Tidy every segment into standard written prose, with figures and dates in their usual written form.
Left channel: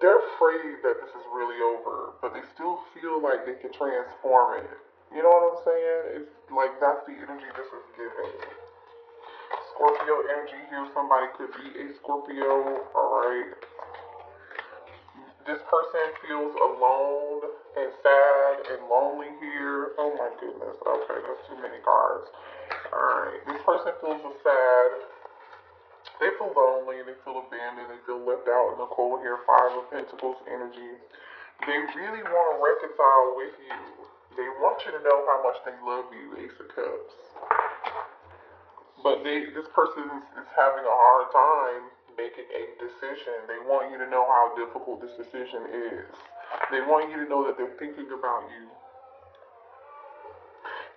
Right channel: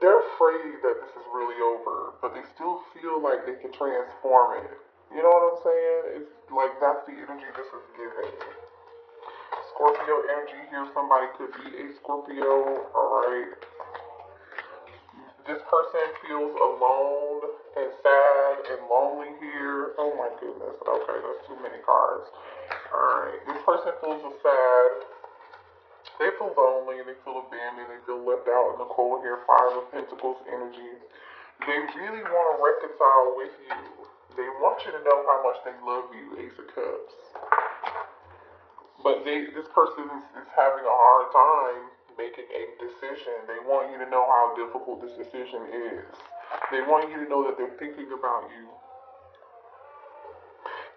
they're afraid that this is really over, but they still feel like they can transform it. You know what I'm saying? It's like that's the energy this is giving. Scorpio energy here. Somebody could be a Scorpio. Alright. This person feels alone and sad and lonely here. Oh my goodness. Okay, that's too many cards. Alright. This person feels sad. They feel lonely, they feel abandoned, they feel left out in the cold here. Five of Pentacles energy. They really want to reconcile with you. They want you to know how much they love you, Ace of Cups. But this person is having a hard time making a decision. They want you to know how difficult this decision is. They want you to know that they're thinking about you.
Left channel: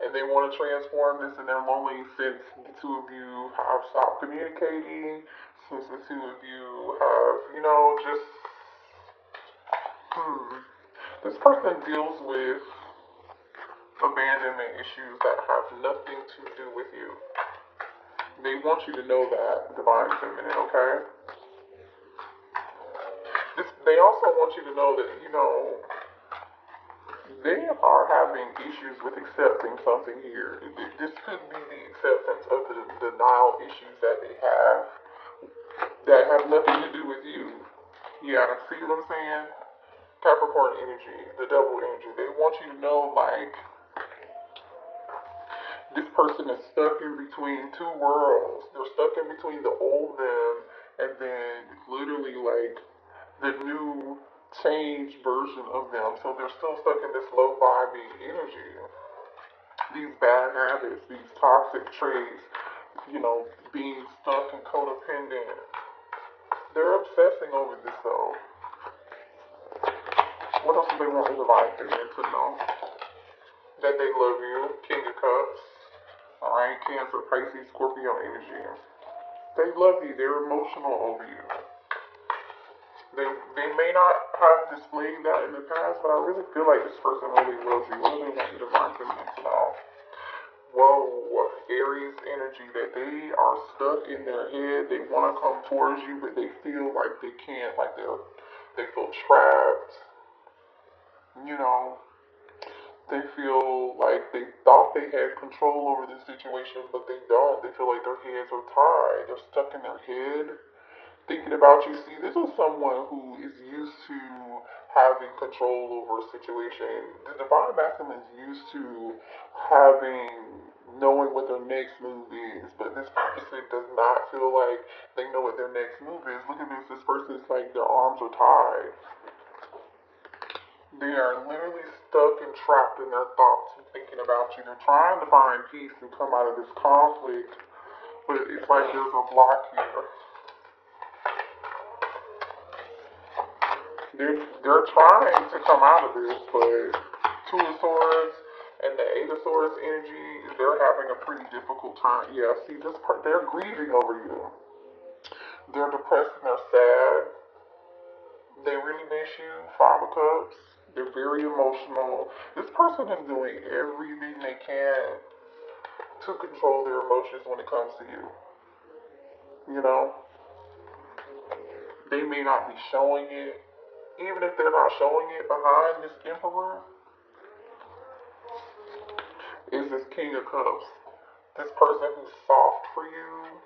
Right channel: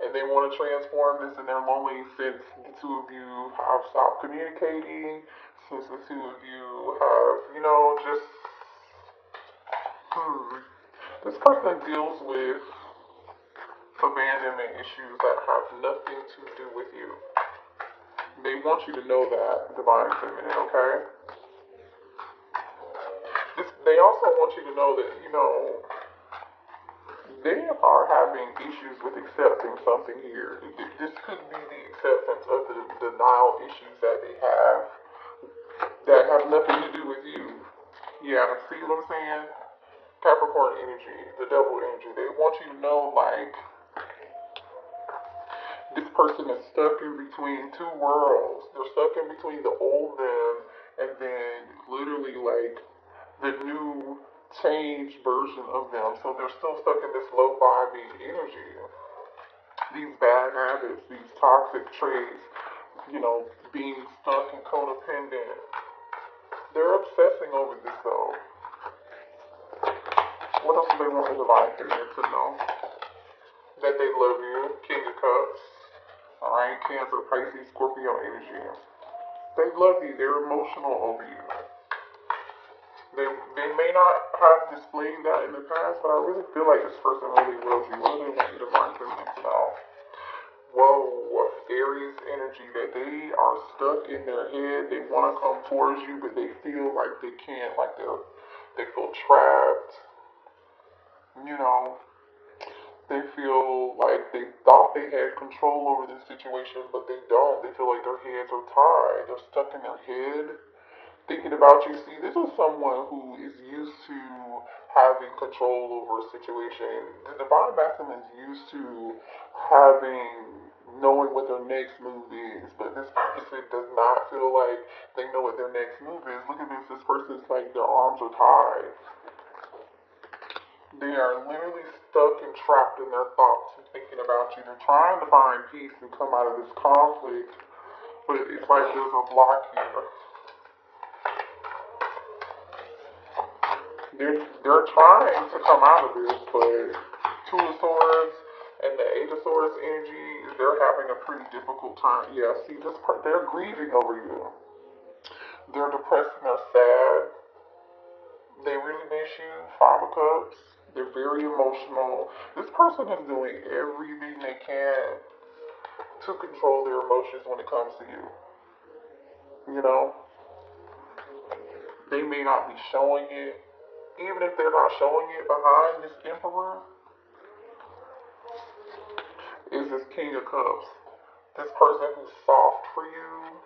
And they want to transform this in their lonely since the two of you have stopped communicating, since the two of you have, just, this person deals with abandonment issues that have nothing to do with you. They want you to know that, Divine Feminine, okay? They also want you to know that, they are having issues with accepting something here. This could be the acceptance of the denial issues that they have that have nothing to do with you. Yeah, see what I'm saying? Capricorn energy, the double energy. They want you to know, like, this person is stuck in between two worlds. They're stuck in between the old them and then literally, like, the new changed version of them. So they're still stuck in this low vibing energy. These bad habits, these toxic traits, being stuck and codependent. They're obsessing over this though. What else do they want in life to know? That they love you, King of Cups. Alright, Cancer, Pisces, Scorpio energy. They love you, they're emotional over you. They may not have displayed that in the past, but I really feel like this person really loves you. What do they want you to find for themselves? Whoa, Aries energy, that they are stuck in their head. They want to come towards you, but they feel like they can't, like they feel trapped. They feel like they thought they had control over the situation, but they don't. They feel like their hands are tied. They're stuck in their head thinking about you. See, this is someone who is used to having control over a situation. The Divine Masculine is used to knowing what their next move is, but this person does not feel like they know what their next move is. Look at this. This person's like their arms are tied. They are literally stuck and trapped in their thoughts and thinking about you. They're trying to find peace and come out of this conflict, but it's like there's a block here. They're trying to come out of this, but Two of Swords and the Eight of Swords energy, they're having a pretty difficult time. Yeah, see, they're grieving over you. They're depressed and they're sad. They really miss you. Five of Cups. They're very emotional. This person is doing everything they can to control their emotions when it comes to you. They may not be showing it. Even if they're not showing it, behind this Emperor is this King of Cups. This person who's soft for you.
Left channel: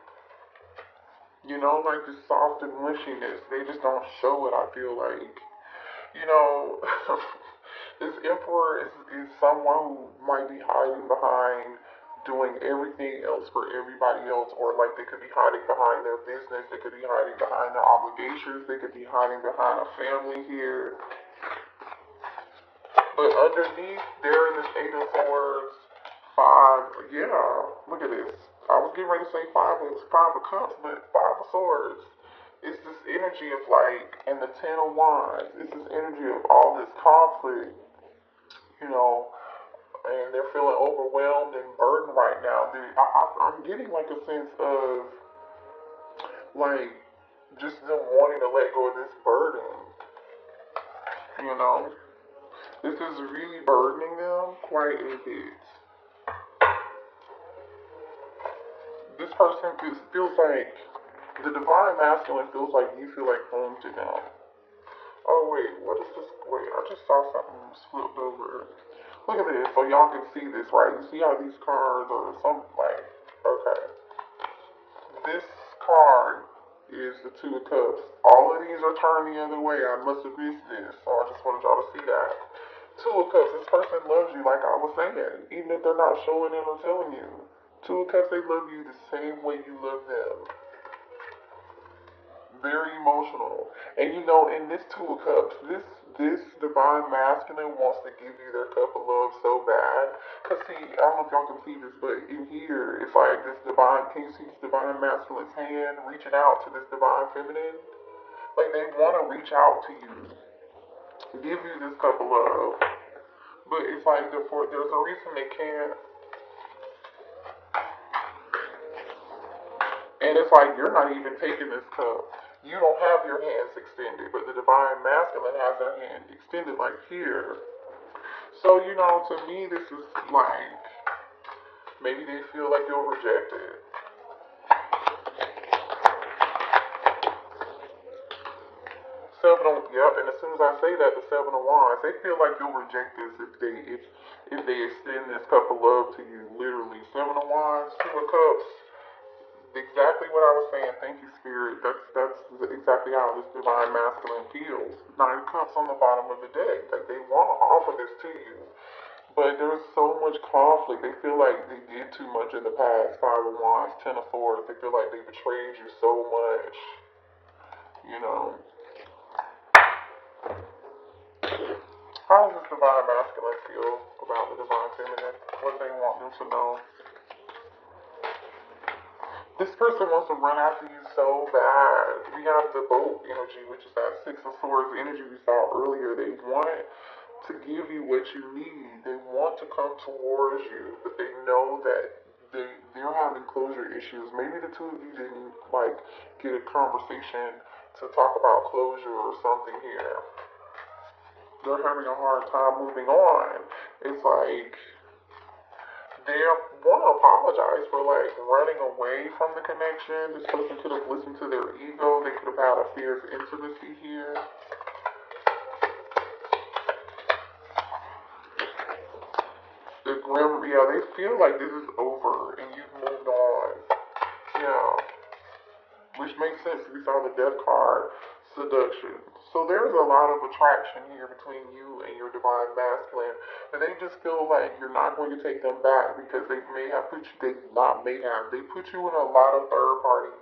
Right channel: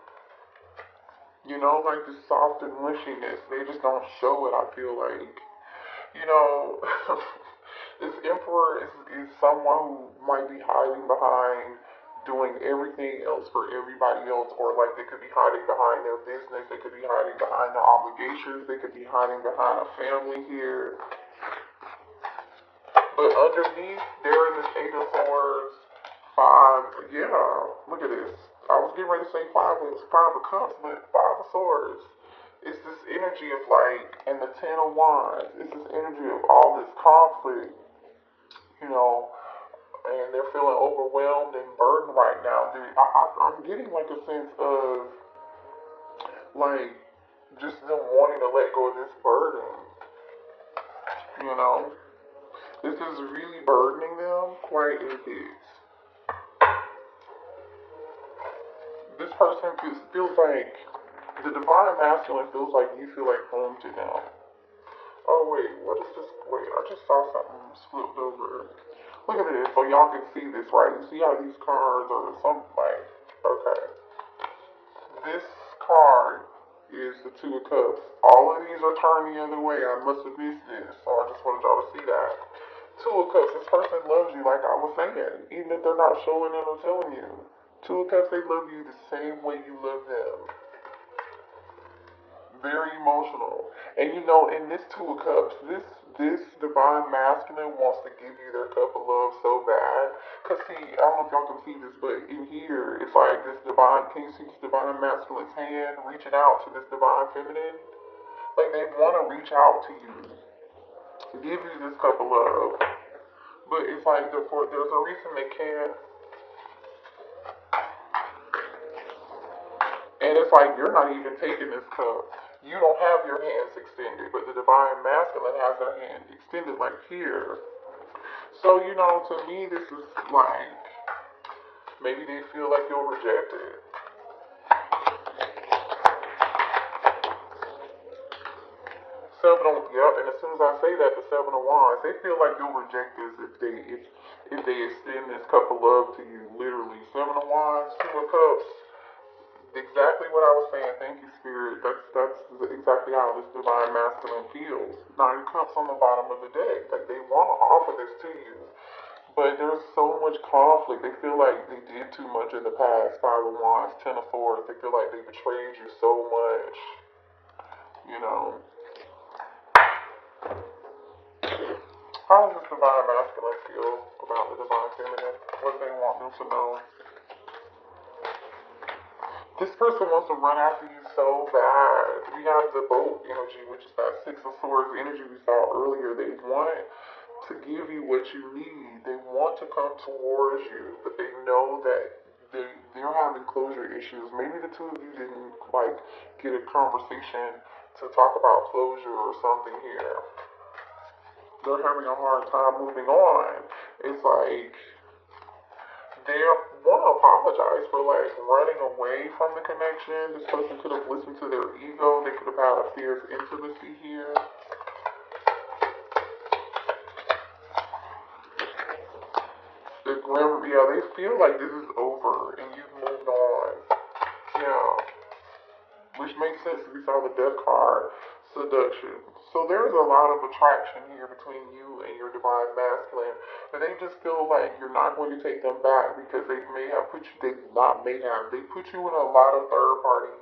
Like this soft and mushiness. They just don't show it, I feel like. This Emperor is someone who might be hiding behind doing everything else for everybody else, or like they could be hiding behind their business, they could be hiding behind their obligations, they could be hiding behind a family here. But underneath, they're in this Eight of Swords, Five, yeah, look at this. I was getting ready to say Five of Cups, but Five of Swords. It's this energy of like, and the Ten of Wands, it's this energy of all this conflict, and they're feeling overwhelmed and burdened right now. I'm getting like a sense of like just them wanting to let go of this burden. This is really burdening them quite a bit. This person feels like the Divine Masculine feels like you feel like home to them. Oh wait, what is this? Wait, I just saw something flipped over. Look at this, so y'all can see this, right? You see how these cards are something like, okay. This card is the Two of Cups. All of these are turned the other way. I must have missed this, so I just wanted y'all to see that. Two of Cups, this person loves you like I was saying, even if they're not showing it or telling you. Two of Cups, they love you the same way you love them. Very emotional. And you know, in this Two of Cups, this divine masculine wants to give you their cup of love so bad. Cause see, I don't know if y'all can see this, but in here, it's like this divine, can you see this divine masculine's hand reaching out to this divine feminine? Like they want to reach out to you, give you this cup of love. But it's like there's a reason they can't. And it's like you're not even taking this cup. You don't have your hands extended, but the divine masculine has their hand extended like here. So, you know, to me, this is like maybe they feel like you'll reject it. Yep, and as soon as I say that, the Seven of Wands, they feel like you'll reject this if they extend this cup of love to you. Literally, Seven of Wands, Two of Cups. Exactly what I was saying. Thank you, Spirit. That's exactly how this divine masculine feels. Nine cups on the bottom of the deck. Like they want to offer this to you, but there's so much conflict. They feel like they did too much in the past. Five of Wands, Ten of Swords. They feel like they betrayed you so much. You know. How does this divine masculine feel about the divine feminine? What do they want them to know? This person wants to run after you so bad. We have the boat energy, which is that Six of Swords energy we saw earlier. They want to give you what you need. They want to come towards you, but they know that they're having closure issues. Maybe the two of you didn't like get a conversation to talk about closure or something here. They're having a hard time moving on. It's like they want to apologize for like running away from the connection. This person could have listened to their ego. They could have had a fear of intimacy here. Yeah, they feel like this is over and you've moved on. Yeah, which makes sense. We saw the death card, seduction. So there's a lot of attraction here between you and your divine masculine. And they just feel like you're not going to take them back because they may have put you, they put you in a lot of third party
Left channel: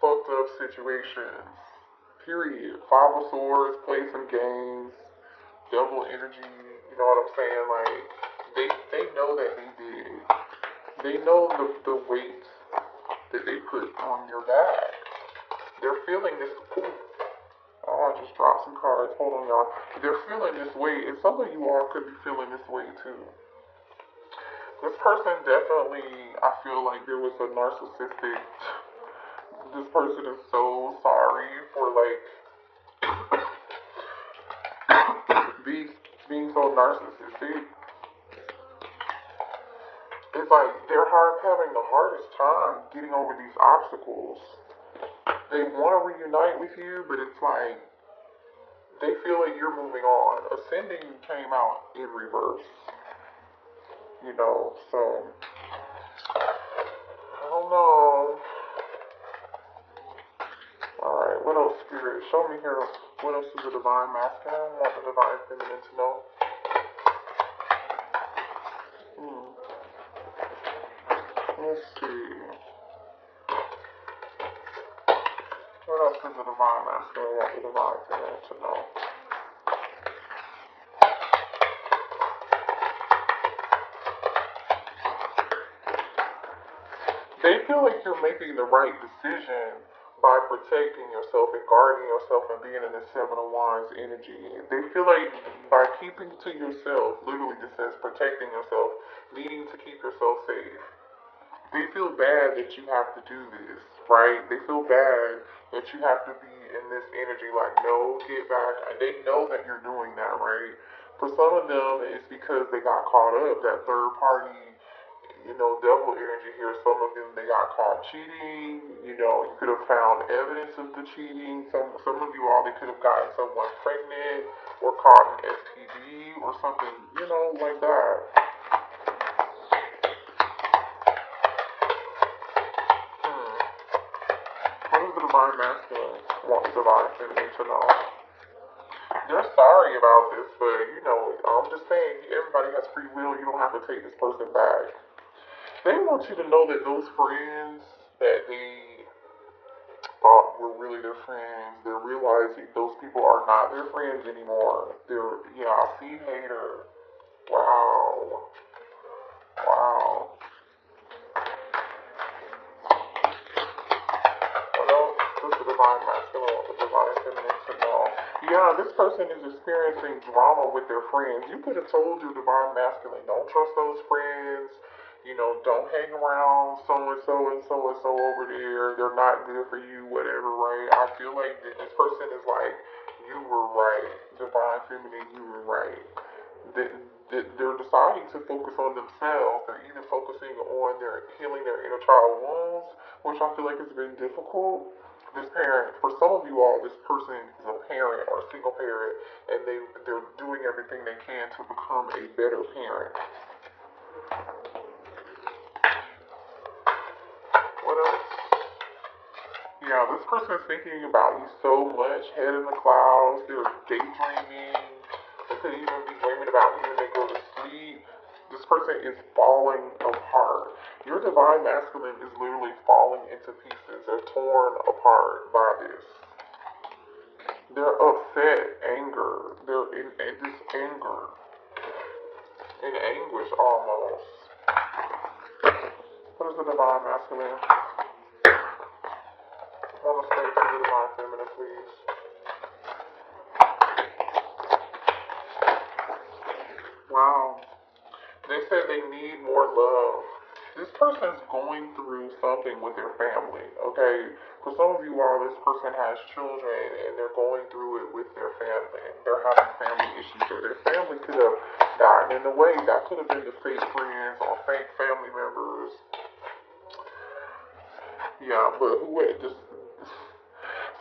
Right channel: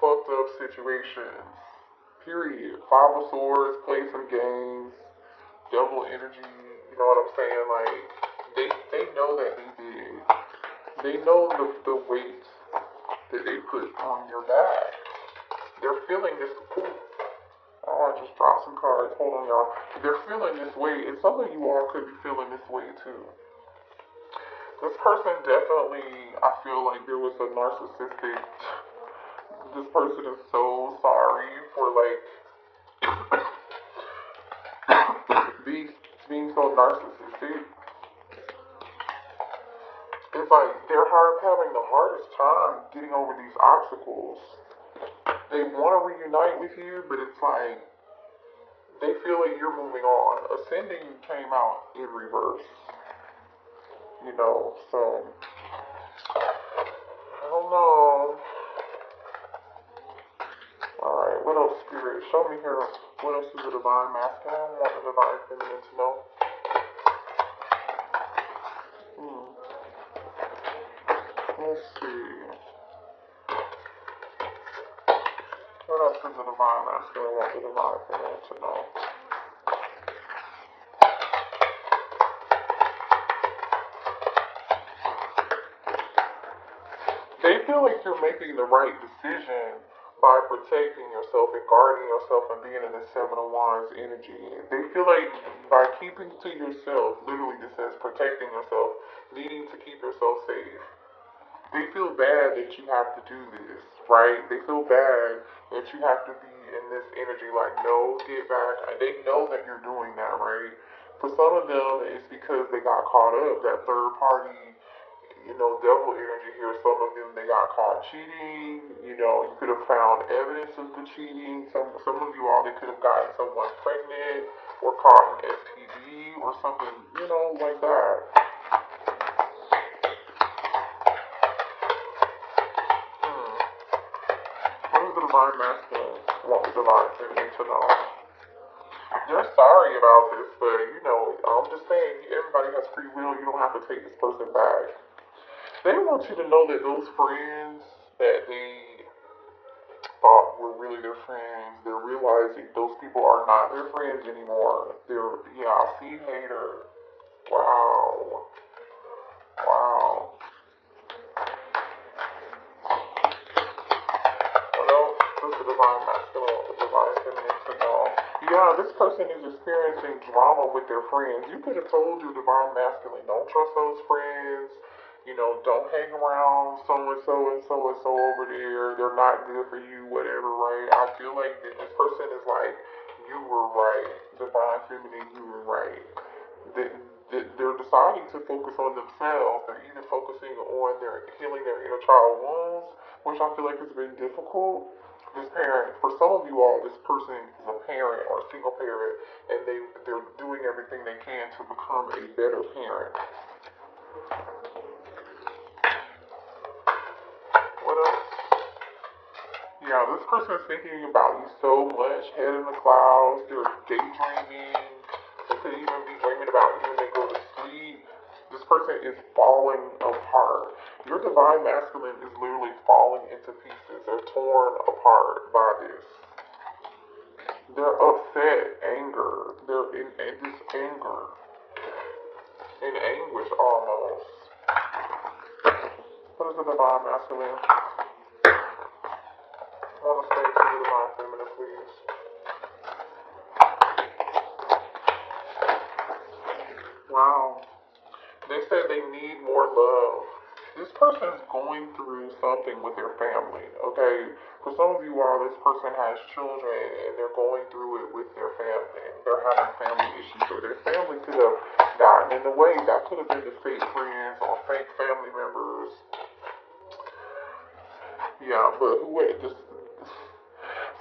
fucked up situations. Period. Five of Swords, play some games, double energy, you know what I'm saying? Like, they know that they did it. They know the weight that they put on your back. They're feeling this. I want to just drop some cards. Hold on, y'all. They're feeling this weight, and some of you all could be feeling this weight too. This person definitely, I feel like there was a narcissistic. This person is so sorry for like being so narcissistic. It's like they're having the hardest time getting over these obstacles. They want to reunite with you, but it's like they feel like you're moving on. Ascending came out in reverse, you know, so I don't know. Alright, what else, Spirit? Show me here. What else is the divine masculine? What the divine feminine to know? Let's see. What else is the divine masculine? What the divine feminine to know? They feel like you're making the right decision by protecting yourself and guarding yourself and being in this Seven of Wands energy. They feel like by keeping to yourself, literally this says protecting yourself, needing to keep yourself safe. They feel bad that you have to do this, right? They feel bad that you have to be in this energy like, no, get back. And they know that you're doing that, right? For some of them, it's because they got caught up, that third party, you know, double energy here. Some of them, they got caught cheating, You know, you could have found evidence of the cheating. Some of you all, they could have gotten someone pregnant or caught an STD or something, you know, like that. What does the divine masculine want the divine feminine to know? You're sorry about this, but you know, I'm just saying, everybody has free will. You don't have to take this person back. They want you to know that those friends that they thought were really their friends, they're realizing those people are not their friends anymore. They're, yeah, see, hater. Wow. Wow. Well, this is the divine masculine, the divine feminine to know. Yeah, this person is experiencing drama with their friends. You could have told your divine masculine, don't trust those friends. You know, don't hang around so and so and so and so over there. They're not good for you, whatever, right? I feel like this person is like, you were right. Divine feminine, you were right. They're deciding to focus on themselves. They're either focusing on their healing their inner child wounds, which I feel like has been difficult. This parent, for some of you all, this person is a parent or a single parent, and they're doing everything they can to become a better parent. What else? Yeah, this person is thinking about you so much, head in the clouds. They're daydreaming. They could even be dreaming about you when they go to sleep. This person is falling apart. Your divine masculine is literally falling into pieces. They're torn apart by this. They're upset, anger. They're in this anger, in anguish almost. What is the divine masculine? On the stage, the divine feminine, please. Wow. They said they need more love. This person's going through something with their family, okay? For some of you all, this person has children and they're going through it with their family. They're having family issues or their family could have gotten in the way. That could have been the fake friends or fake family members. Yeah, but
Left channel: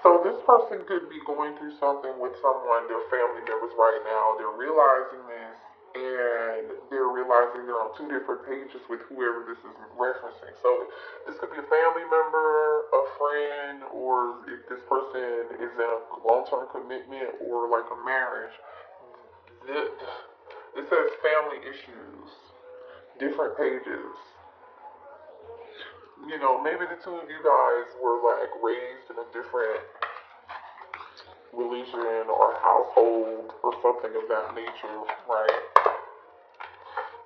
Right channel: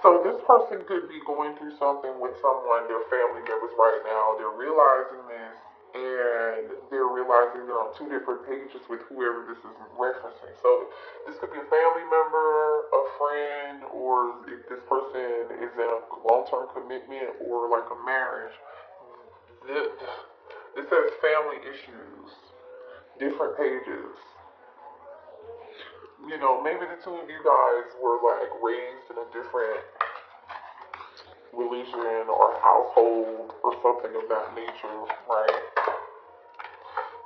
so this person could be going through something with someone, their family members right now. They're realizing this, and they're realizing they're on two different pages with whoever this is referencing. So this could be a family member, a friend, or if this person is in a long-term commitment or like a marriage. This says family issues, different pages. You know, maybe the two of you guys were like raised in a different religion or household or something of that nature, right?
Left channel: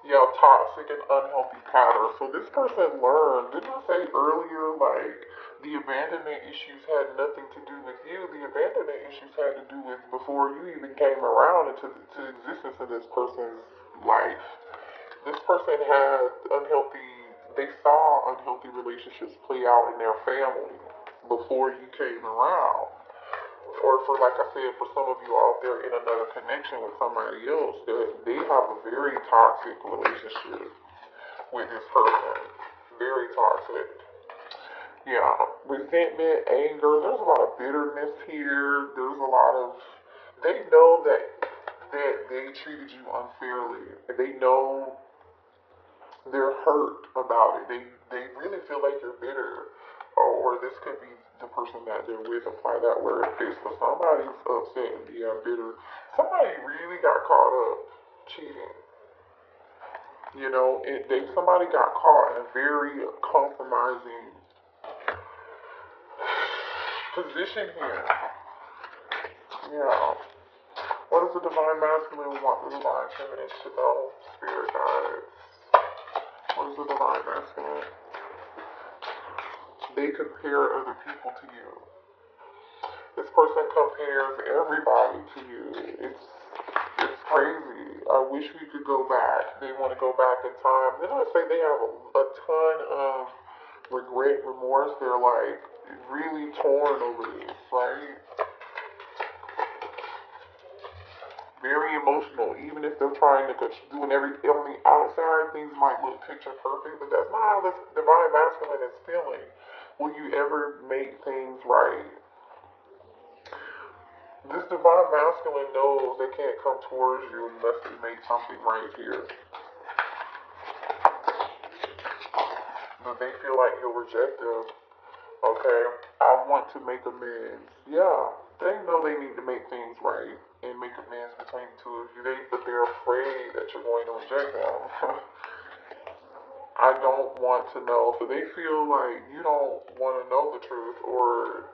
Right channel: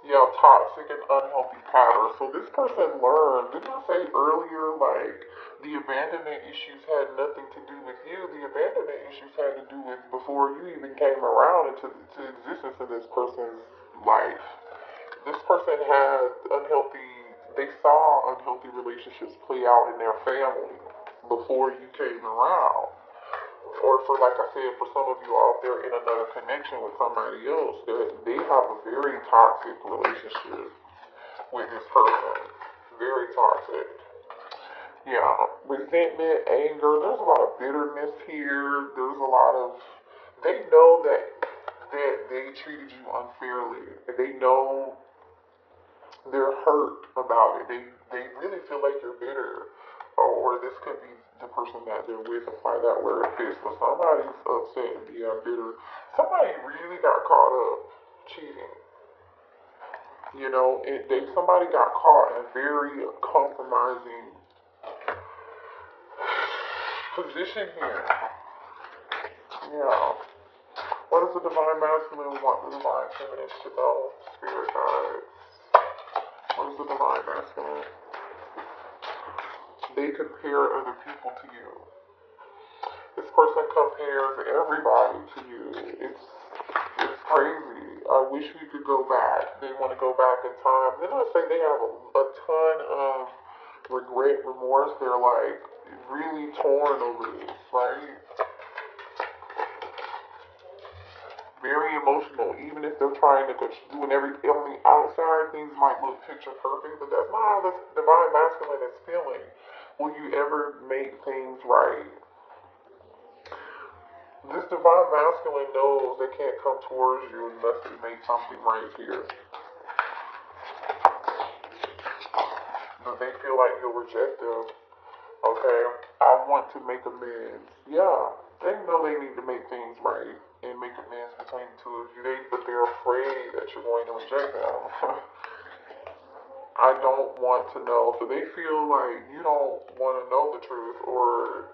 Yeah, toxic and unhealthy patterns. So this person learned, didn't I say earlier, like, the abandonment issues had nothing to do with you. The abandonment issues had to do with before you even came around into existence in this person's life. This person had they saw unhealthy relationships play out in their family before you came around. Or for, like I said, for some of you out there in another connection with somebody else, they have a very toxic relationship with this person. Very toxic. Yeah, resentment, anger, there's a lot of bitterness here. There's a lot of, they know that they treated you unfairly. They know they're hurt about it. They really feel like you're bitter. Or this could be the person that they're with, apply that word fits. But somebody's upset and being bitter. Somebody really got caught up cheating. You know, somebody got caught in a very compromising position here. Yeah. What does the divine masculine want the divine feminine to know? Spirit guides. What is the divine masculine? They compare other people to you. This person compares everybody to you. It's crazy. I wish we could go back. They want to go back in time. Then I say they have a ton of regret, remorse. They're like really torn over this, right? Very emotional. Even if they're trying to doing everything on the outside, things might look picture perfect, but that's not how this divine masculine is feeling. will you ever make things right? This divine masculine knows they can't come towards you unless they make something right here. But they feel like you'll reject them. Okay? I want to make amends. Yeah. They know they need to make things right and make amends between the two of you. But they're afraid that you're going to reject them. I don't want to know. So they feel like you don't want to know the truth, or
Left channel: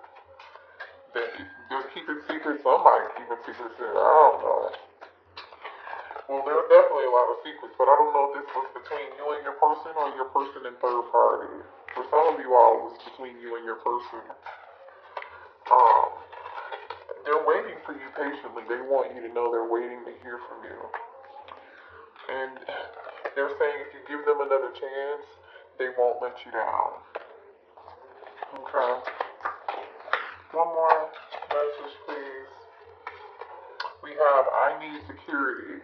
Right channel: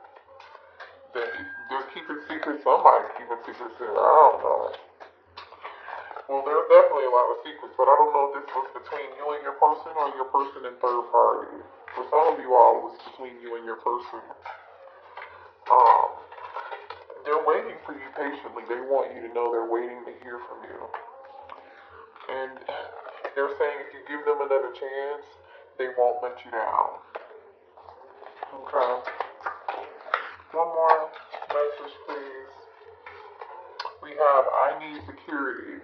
that they're keeping secrets. Somebody's keeping secrets there. I don't know. Well, there's definitely a lot of secrets, but I don't know if this was between you and your person or your person and third party. For some of you all, it's between you and your person. They're waiting for you patiently. They want you to know they're waiting to hear from you. And they're saying if you give them another chance, they won't let you down. Okay. One more message, please. We have, I need security.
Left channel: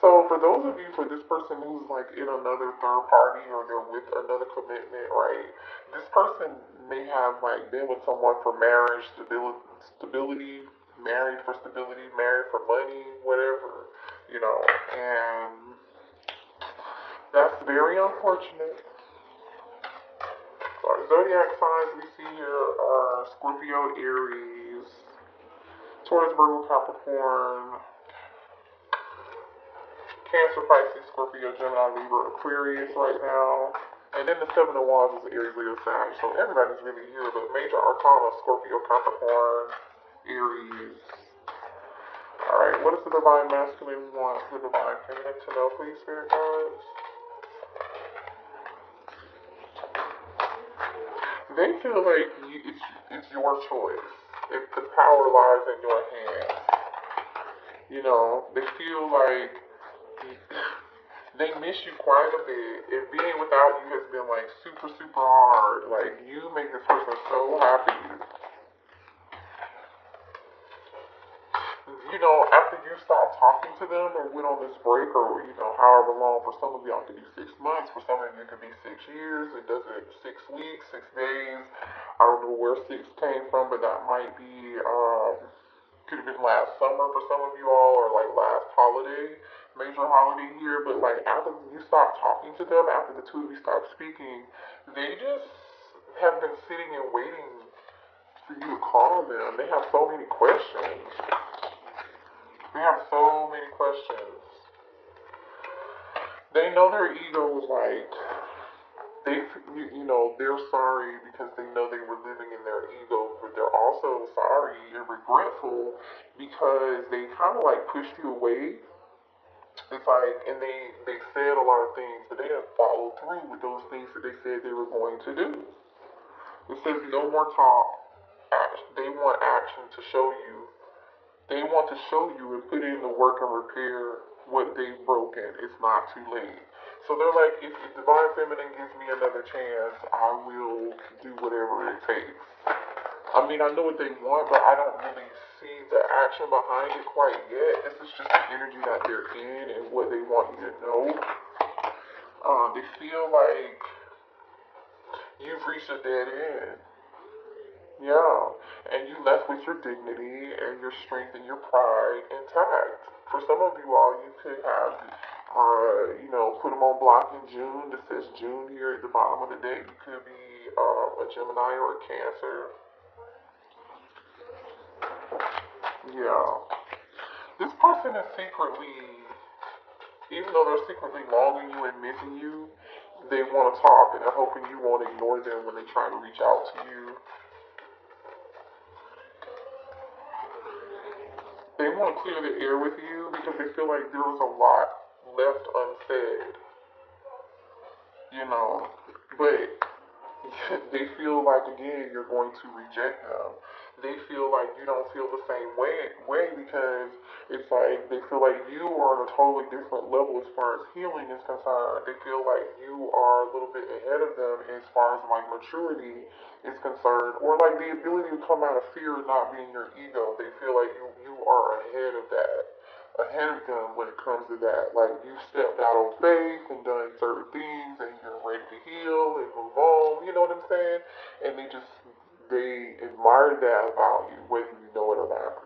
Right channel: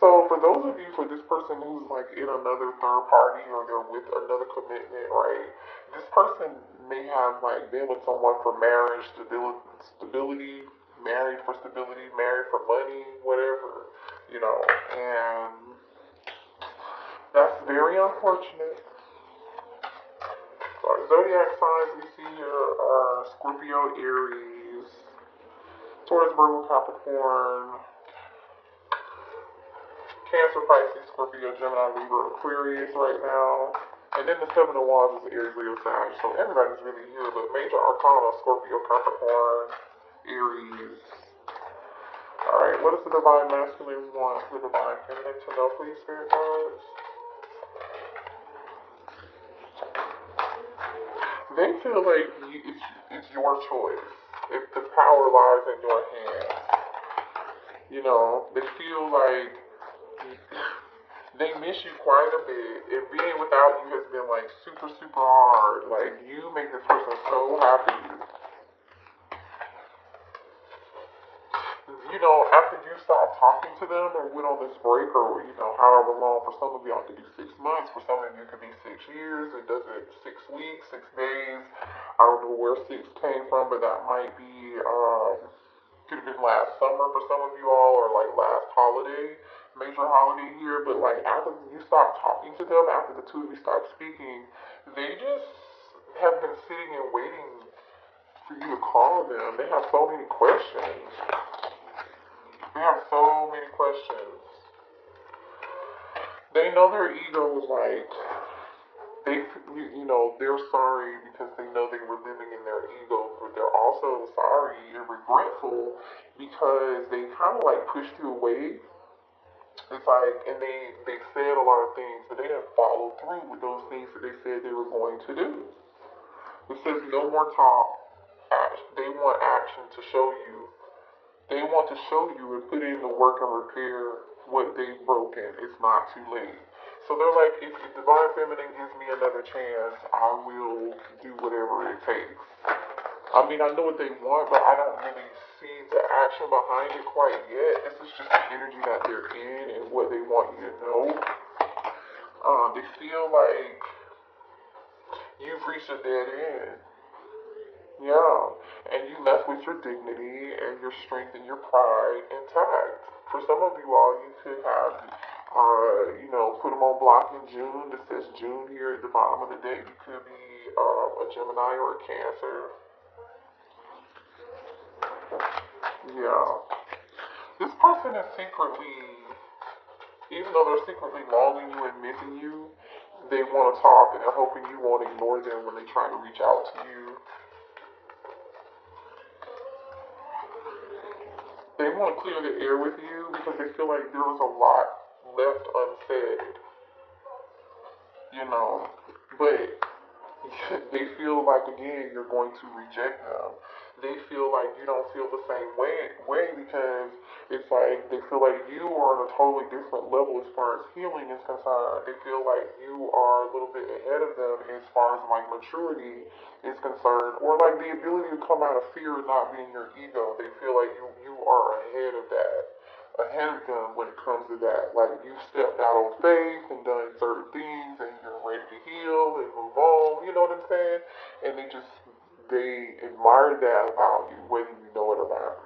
So for those of you, for this person who's like in another third party or they're with another commitment, right? This person may have like been with someone for marriage, stability, married for stability, married for money, whatever, and that's very unfortunate. Our zodiac signs we see here are Scorpio, Aries, Taurus, Virgo, Capricorn, Cancer, Pisces, Scorpio, Gemini, Libra, Aquarius right now. And then the Seven of Wands is Aries, Leo, Sag. So everybody's really here. But major arcana, Scorpio, Capricorn, Aries. Alright, what does the divine masculine want the divine feminine to know, please, spirit guides? They feel like it's your choice. The power lies in your hands. They feel like they miss you quite a bit. And being without you has been like super, super hard. Like you make this person so happy. After you stop talking to them or went on this break or, however long, for some of y'all it could be 6 months, for some of you it could be 6 years, it does it 6 weeks, 6 days. I don't know where 6 came from, but that might be, could have been last summer for some of you all, or like last holiday, major holiday here, but like after you stop talking to them, after the two of you stop speaking, they just have been sitting and waiting for you to call them. They have so many questions. They know their egos, like, they're sorry because they know they were living in their ego, but they're also sorry and regretful because they kind of like pushed you away. It's like, and they said a lot of things, but they didn't follow through with those things that they said they were going to do. It says no more talk. They want action to show you. They want to show you and put in the work and repair what they've broken. It's not too late. So they're like, if the divine feminine gives me another chance, I will do whatever it takes. I mean, I know what they want, but I don't really see the action behind it quite yet. This is just the energy that they're in and what they want you to know. They feel like you've reached a dead end. Yeah, and you left with your dignity and your strength and your pride intact. For some of you all, you could have, put them on block in June. This says June here at the bottom of the deck. You could be a Gemini or a Cancer. Yeah. This person is secretly, even though they're secretly longing you and missing you, they want to talk and they're hoping you won't ignore them when they try to reach out to you. They want to clear the air with you because they feel like there was a lot left unsaid, but they feel like, again, you're going to reject them. They feel like you don't feel the same way because it's like they feel like you are on a totally different level as far as healing is concerned. They feel like you are a little bit ahead of them as far as like maturity is concerned, or like the ability to come out of fear and not being your ego. They feel like you are ahead of that, ahead of them when it comes to that. Like you stepped out on faith and done certain things and you're ready to heal and move on. You know what I'm saying? person, and they admire that about you, whether you know it or not.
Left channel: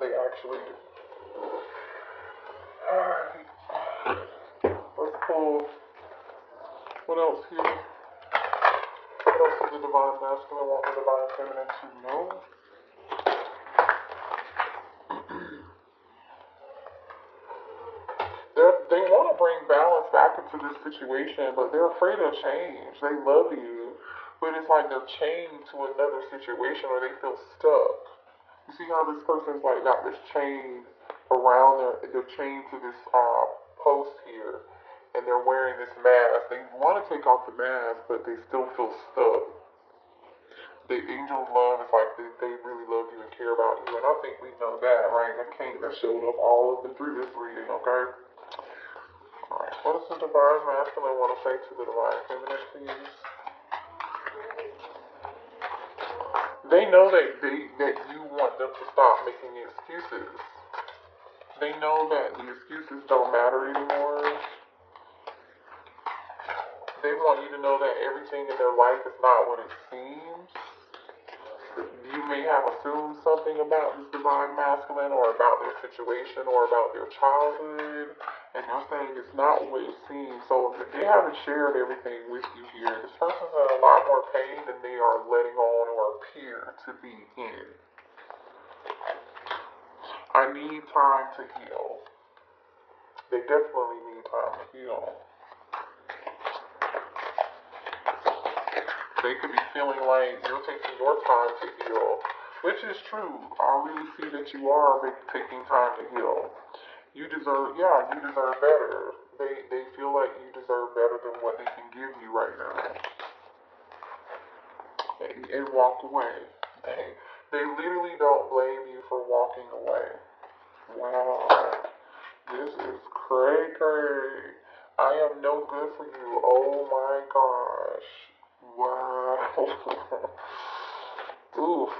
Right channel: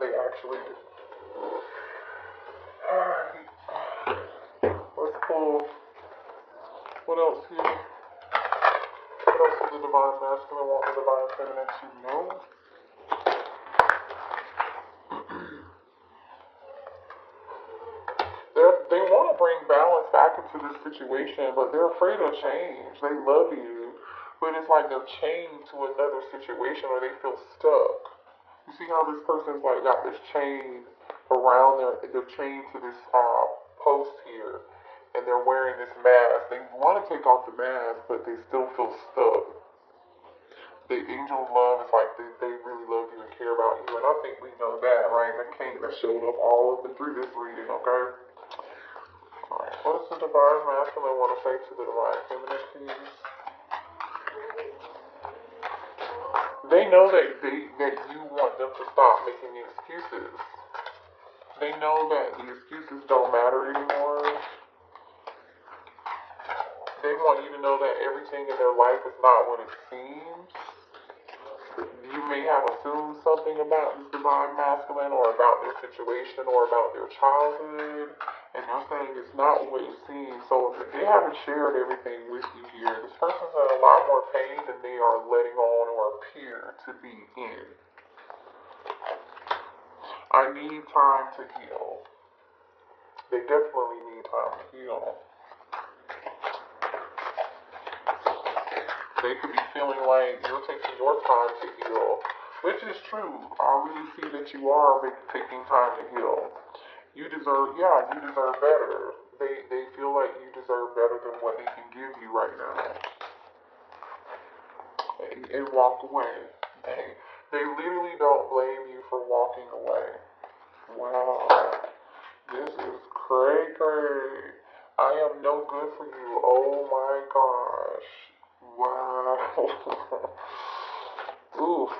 They actually do. Alright. Let's pull. What else here? What else is the divine masculine want the divine feminine to know? They want to bring balance back into this situation, but they're afraid of change. They love you, but it's like they're chained to another situation, or they feel stuck. You see how this person's like got this chain around they're chained to this post here, and they're wearing this mask. They want to take off the mask, but they still feel stuck. The angel of love is like they really love you and care about you, and I think we know that, right? That showed up all through this reading, okay? What does the divine masculine want to say to the divine feminine, please? They know that you want them to stop making excuses. They know that the excuses don't matter anymore. They want you to know that everything in their life is not what it seems. You may have assumed something about this divine masculine, or about their situation, or about their childhood, and they're saying it's not what it seems. So they haven't shared everything with you here. This person's in a lot more pain than they are letting on or appear to be in. I need time to heal. They definitely need time to heal. They could be feeling like you're taking your time to heal, which is true. I really see that you are taking time to heal. You deserve better. They feel like you deserve better than what they can give you right now. And walk away. They literally don't blame you for walking away. Wow. This is cray. I am no good for you. Oh my gosh. Wow. Oof.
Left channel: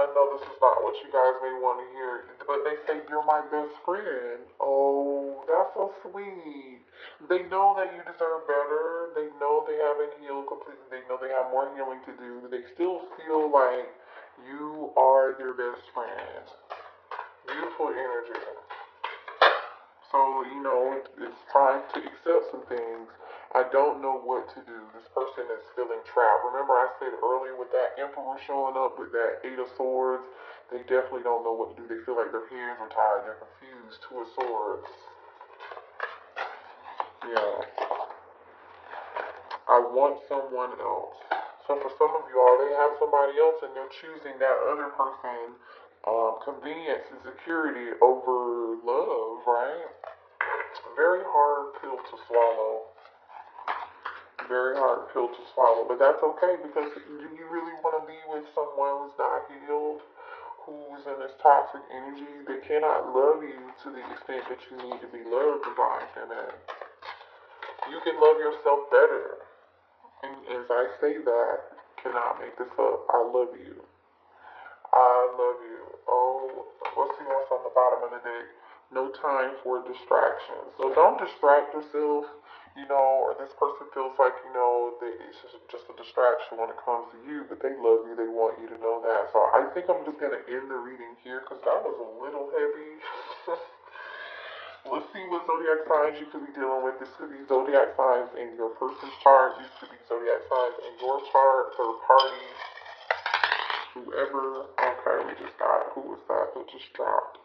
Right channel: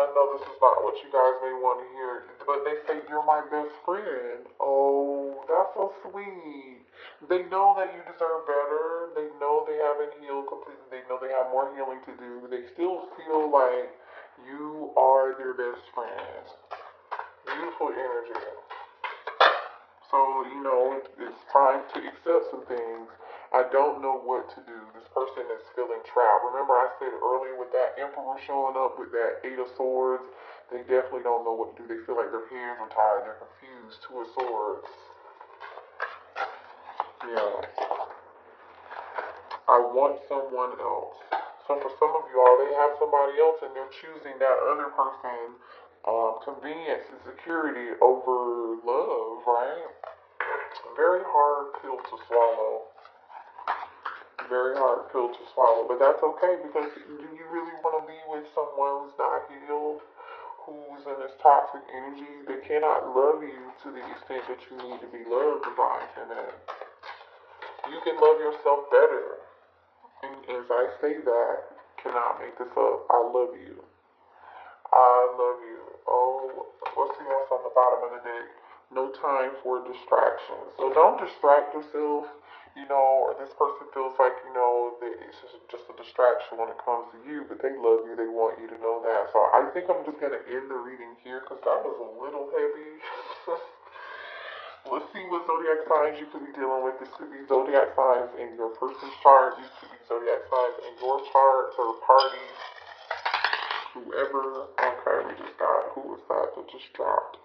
I know this is not what you guys may want to hear, but they say you're my best friend. Oh, that's so sweet. They know that you deserve better. They know they haven't healed completely. They know they have more healing to do. They still feel like you are their best friend. Beautiful energy. So, it's time to accept some things. I don't know what to do. This person is feeling trapped. Remember I said earlier with that Emperor showing up with that Eight of Swords, they definitely don't know what to do. They feel like their hands are tied. They're confused. Two of Swords. Yeah. I want someone else. So for some of you already have somebody else and you're choosing that other person, convenience and security over love, right? Very hard pill to swallow. Very hard pill to swallow. But that's okay, because do you really want to be with someone who's not healed, who's in this toxic energy? They cannot love you to the extent that you need to be loved by them. You can love yourself better. And as I say that, cannot make this up. I love you. I love you. Oh, let's see what's on the bottom of the deck. No time for distraction. So don't distract yourself. This person feels like, it's just a distraction when it comes to you, but they love you. They want you to know that. So I think I'm just going to end the reading here because that was a little heavy. Let's see what zodiac signs you could be dealing with. This could be zodiac signs in your person's chart. This could be zodiac signs in your chart, third party, whoever. Okay, we just got, who was that just dropped?